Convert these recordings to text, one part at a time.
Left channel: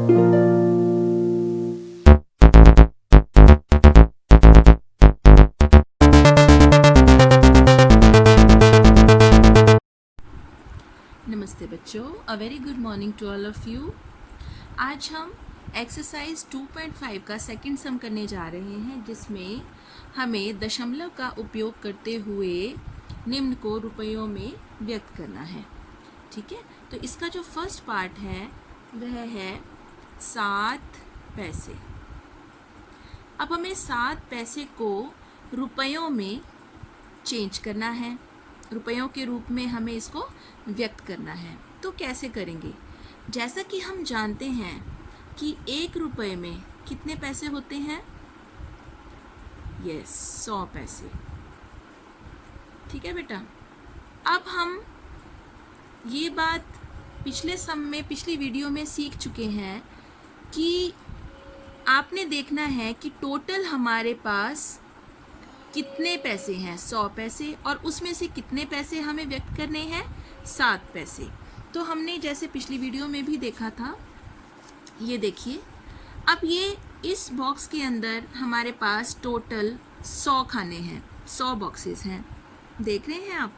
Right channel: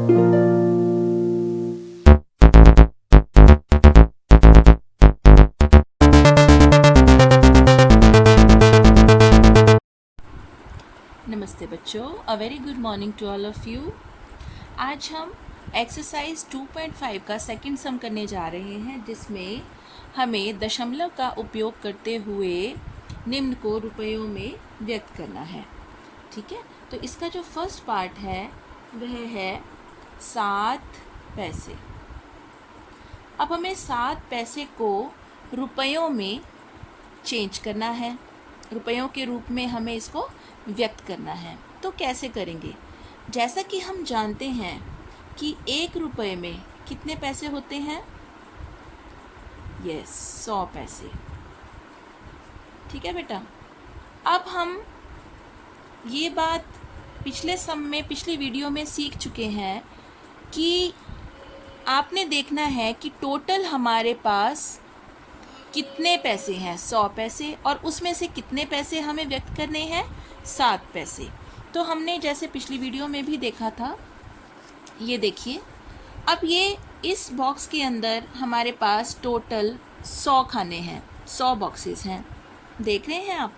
नमस्ते बच्चों, a very good morning to all of you. आज हम एक्सरसाइज 2.5 का सेकंड सम करने जा रहे हैं, जिसमें हमें दशमलव का उपयोग करते हुए निम्न को रुपयों में व्यक्त करना है। ठीक है, तो इसका जो फर्स्ट पार्ट है वह है 7 पैसे। अब हमें 7 पैसे को रुपयों में चेंज करना है, रुपयों के रूप में हमें इसको व्यक्त करना है। तो कैसे करेंगे? जैसा कि हम जानते हैं कि 1 रुपये में कितने पैसे होते हैं? यस, 100 पैसे। ठीक है बेटा, अब हम ये बात पिछले सम में, पिछली वीडियो में सीख चुके हैं कि आपने देखना है कि टोटल हमारे पास कितने पैसे हैं, 100 पैसे, और उसमें से कितने पैसे हमें व्यक्त करने हैं? 7 पैसे। तो हमने जैसे पिछली वीडियो में भी देखा था, ये देखिए, अब ये इस बॉक्स के अंदर हमारे पास टोटल 100 खाने हैं, 100 बॉक्सेस हैं, देख रहे हैं आप।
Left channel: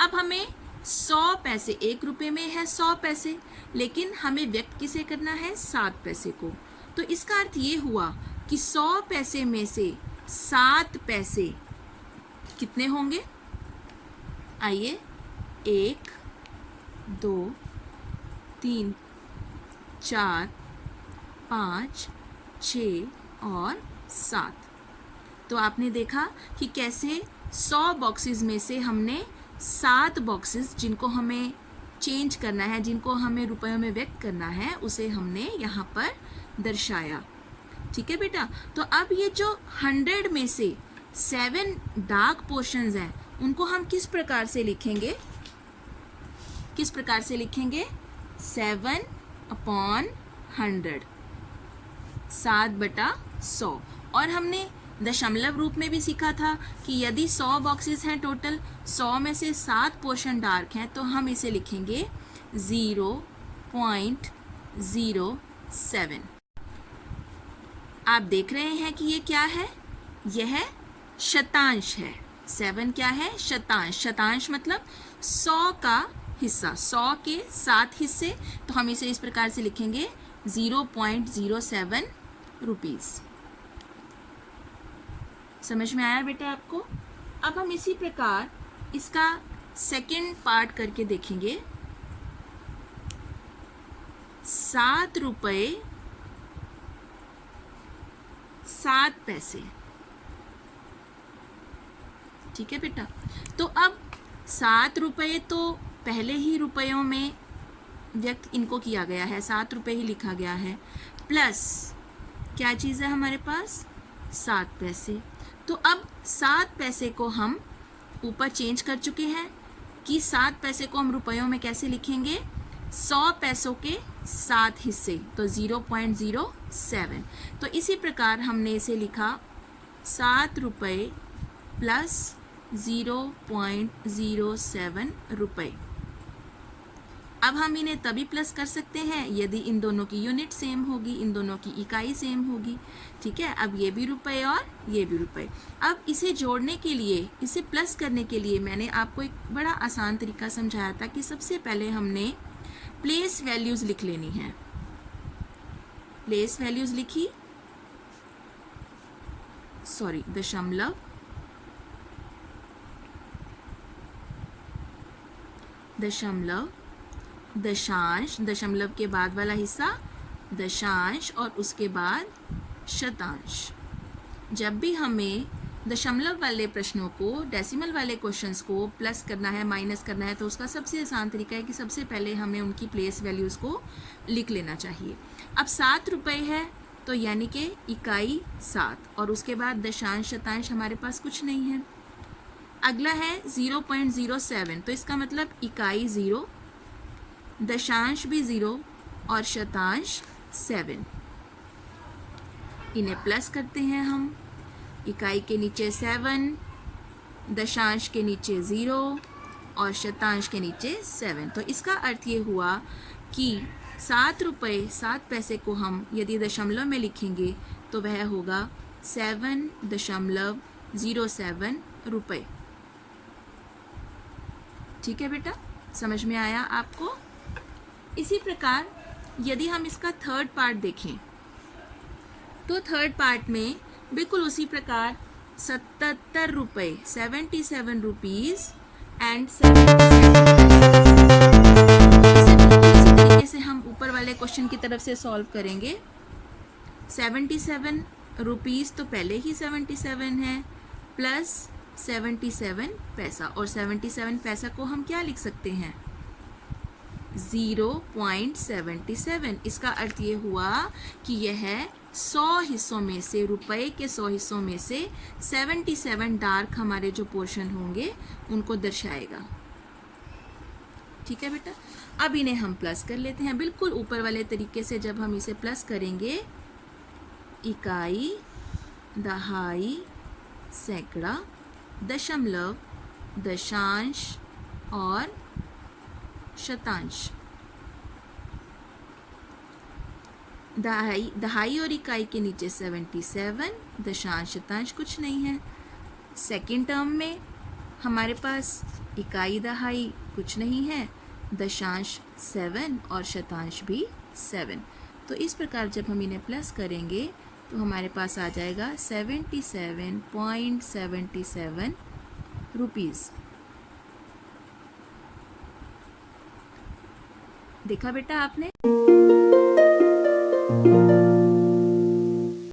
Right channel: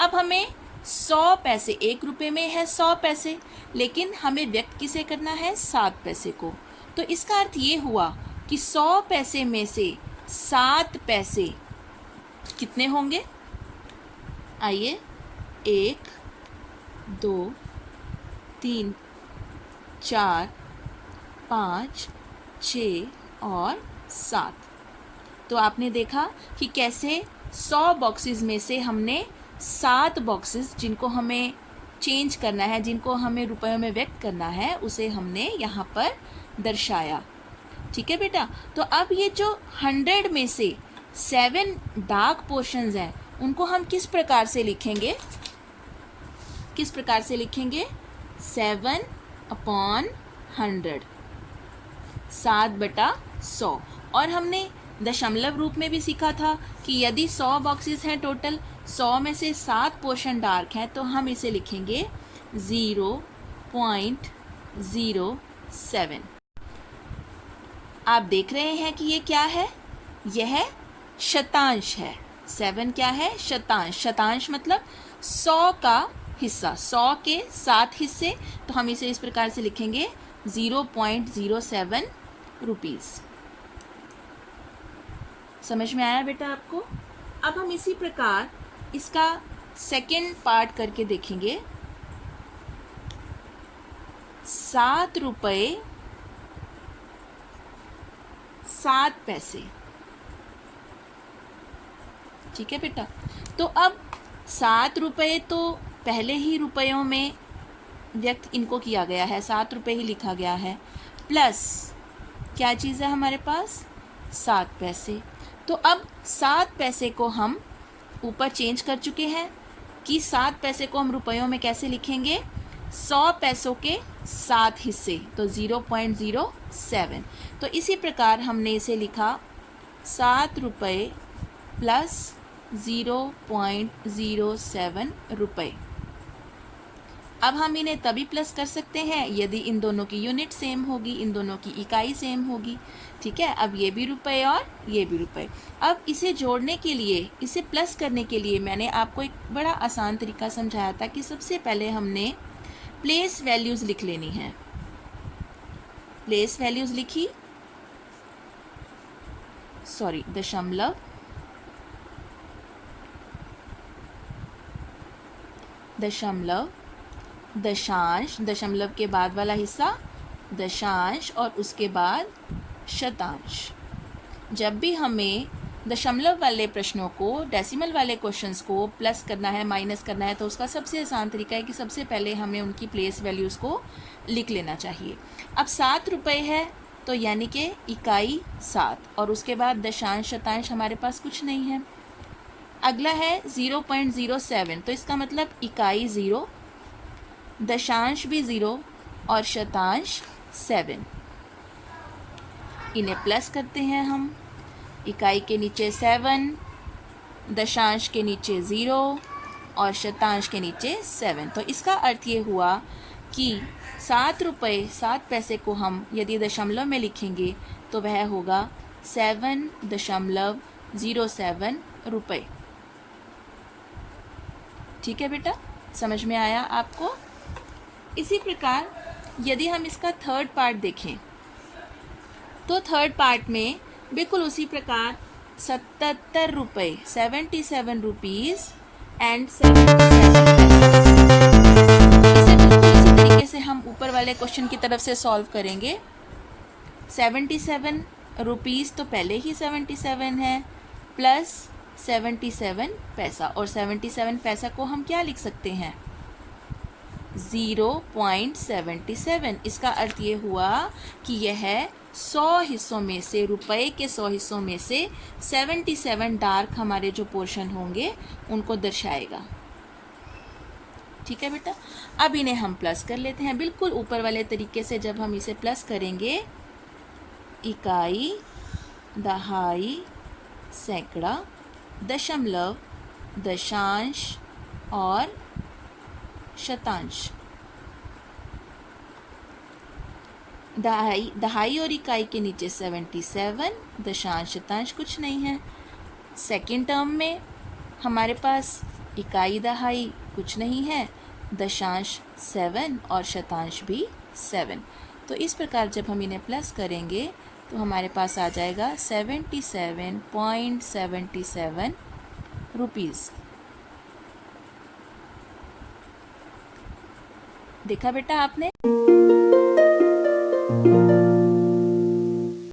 अब हमें 100 पैसे, 1 रुपये में है 100 पैसे, लेकिन हमें व्यक्त किसे करना है? 7 पैसे को। तो इसका अर्थ ये हुआ कि 100 पैसे में से 7 पैसे कितने होंगे? आइए, 1 2 3 4 5 6 और 7। तो आपने देखा कि कैसे 100 बॉक्सेस में से हमने 7 बॉक्सेस जिनको हमें चेंज करना है, जिनको हमें रुपयों में व्यक्त करना है, उसे हमने यहाँ पर दर्शाया। ठीक है बेटा, तो अब ये जो 100 में से 7 डार्क पोर्शंस हैं, उनको हम किस प्रकार से लिखेंगे? किस प्रकार से लिखेंगे? 7/100, 7/100। और हमने दशमलव रूप में भी सीखा था कि यदि 100 बॉक्सेस हैं टोटल, 100 में से 7 पोर्शन डार्क हैं, तो हम इसे लिखेंगे 0.07। आप देख रहे हैं कि ये क्या है? यह शतांश है। 7 क्या है? शतांश। शतांश मतलब 100 का हिस्सा, 100 के 7 हिस्से। तो हम इसे इस प्रकार से लिखेंगे 0.07 रुपीज़। समझ में आया बेटा आपको? अब हम इसी प्रकार इसका सेकेंड पार्ट करके देखेंगे। 7 रुपये 7 पैसे। ठीक है बेटा, तो अब 7 रुपये तो पहले ही रुपयों में व्यक्त इनको किया गया है, 7 रुपये ही लिखा गया है, प्लस क्या चीज़ है हमारे पास? 7 पैसे। तो अब 7 पैसे को हम ऊपर चेंज कर चुके हैं कि 7 पैसे को हम रुपयों में कैसे लिखेंगे? 100 पैसों के 7 हिस्से, तो 0.07। तो इसी प्रकार हमने इसे लिखा 7 रुपये प्लस 0.07 रुपये। अब हम इन्हें तभी प्लस कर सकते हैं यदि इन दोनों की यूनिट सेम होगी, इन दोनों की इकाई सेम होगी। ठीक है, अब ये भी रुपये और ये भी रुपये। अब इसे जोड़ने के लिए, इसे प्लस करने के लिए मैंने आपको एक बड़ा आसान तरीका समझाया था कि सबसे पहले हमने प्लेस वैल्यूज़ लिख लेनी है। प्लेस वैल्यूज़ लिखी, सॉरी, दशमलव, दशमलव, दशांश, दशमलव के बाद वाला हिस्सा दशांश, और उसके बाद शतांश। जब भी हमें दशमलव वाले प्रश्नों को, डेसिमल वाले क्वेश्चंस को प्लस करना है, माइनस करना है, तो उसका सबसे आसान तरीका है कि सबसे पहले हमें उनकी प्लेस वैल्यूज़ को लिख लेना चाहिए। अब 7 रुपये है, तो यानी कि इकाई 7, और उसके बाद दशांश, शतांश हमारे पास कुछ नहीं है। अगला है 0.07, तो इसका मतलब इकाई 0, दशांश भी 0 और शतांश 7। इन्हें प्लस करते हैं हम, इकाई के नीचे 7, दशांश के नीचे 0 और शतांश के नीचे 7। तो इसका अर्थ ये हुआ कि 7 रुपये 7 पैसे को हम यदि दशमलव में लिखेंगे तो वह होगा 7.07 रुपये। ठीक है बेटा, समझ में आया आपको? इसी प्रकार यदि हम इसका थर्ड पार्ट देखें तो थर्ड पार्ट में बिल्कुल उसी प्रकार 77 रुपये 77 रुपीज़ एंड 77 तरीके से हम ऊपर वाले क्वेश्चन की तरफ से सॉल्व करेंगे। 77 रुपीज़ तो पहले ही 77 है प्लस 77 पैसा, और 77 पैसा को हम क्या लिख सकते हैं? 0.77। इसका अर्थ ये हुआ कि यह 100 हिस्सों में से, रुपए के 100 हिस्सों में से 77 डार्क हमारे जो पोर्शन होंगे उनको दर्शाएगा। ठीक है बेटा, अब इन्हें हम प्लस कर लेते हैं बिल्कुल ऊपर वाले तरीके से। जब हम इसे प्लस करेंगे, इकाई, दहाई, सैकड़ा, दशमलव, दशांश और शतांश। दहाई और इकाई के नीचे 77, दशांश शतांश कुछ नहीं है। सेकंड टर्म में हमारे पास इकाई दहाई कुछ नहीं है, दशांश 7 और शतांश भी 7। तो इस प्रकार जब हम इन्हें प्लस करेंगे तो हमारे पास आ जाएगा 77.77 रुपीज़। देखा बेटा आपने?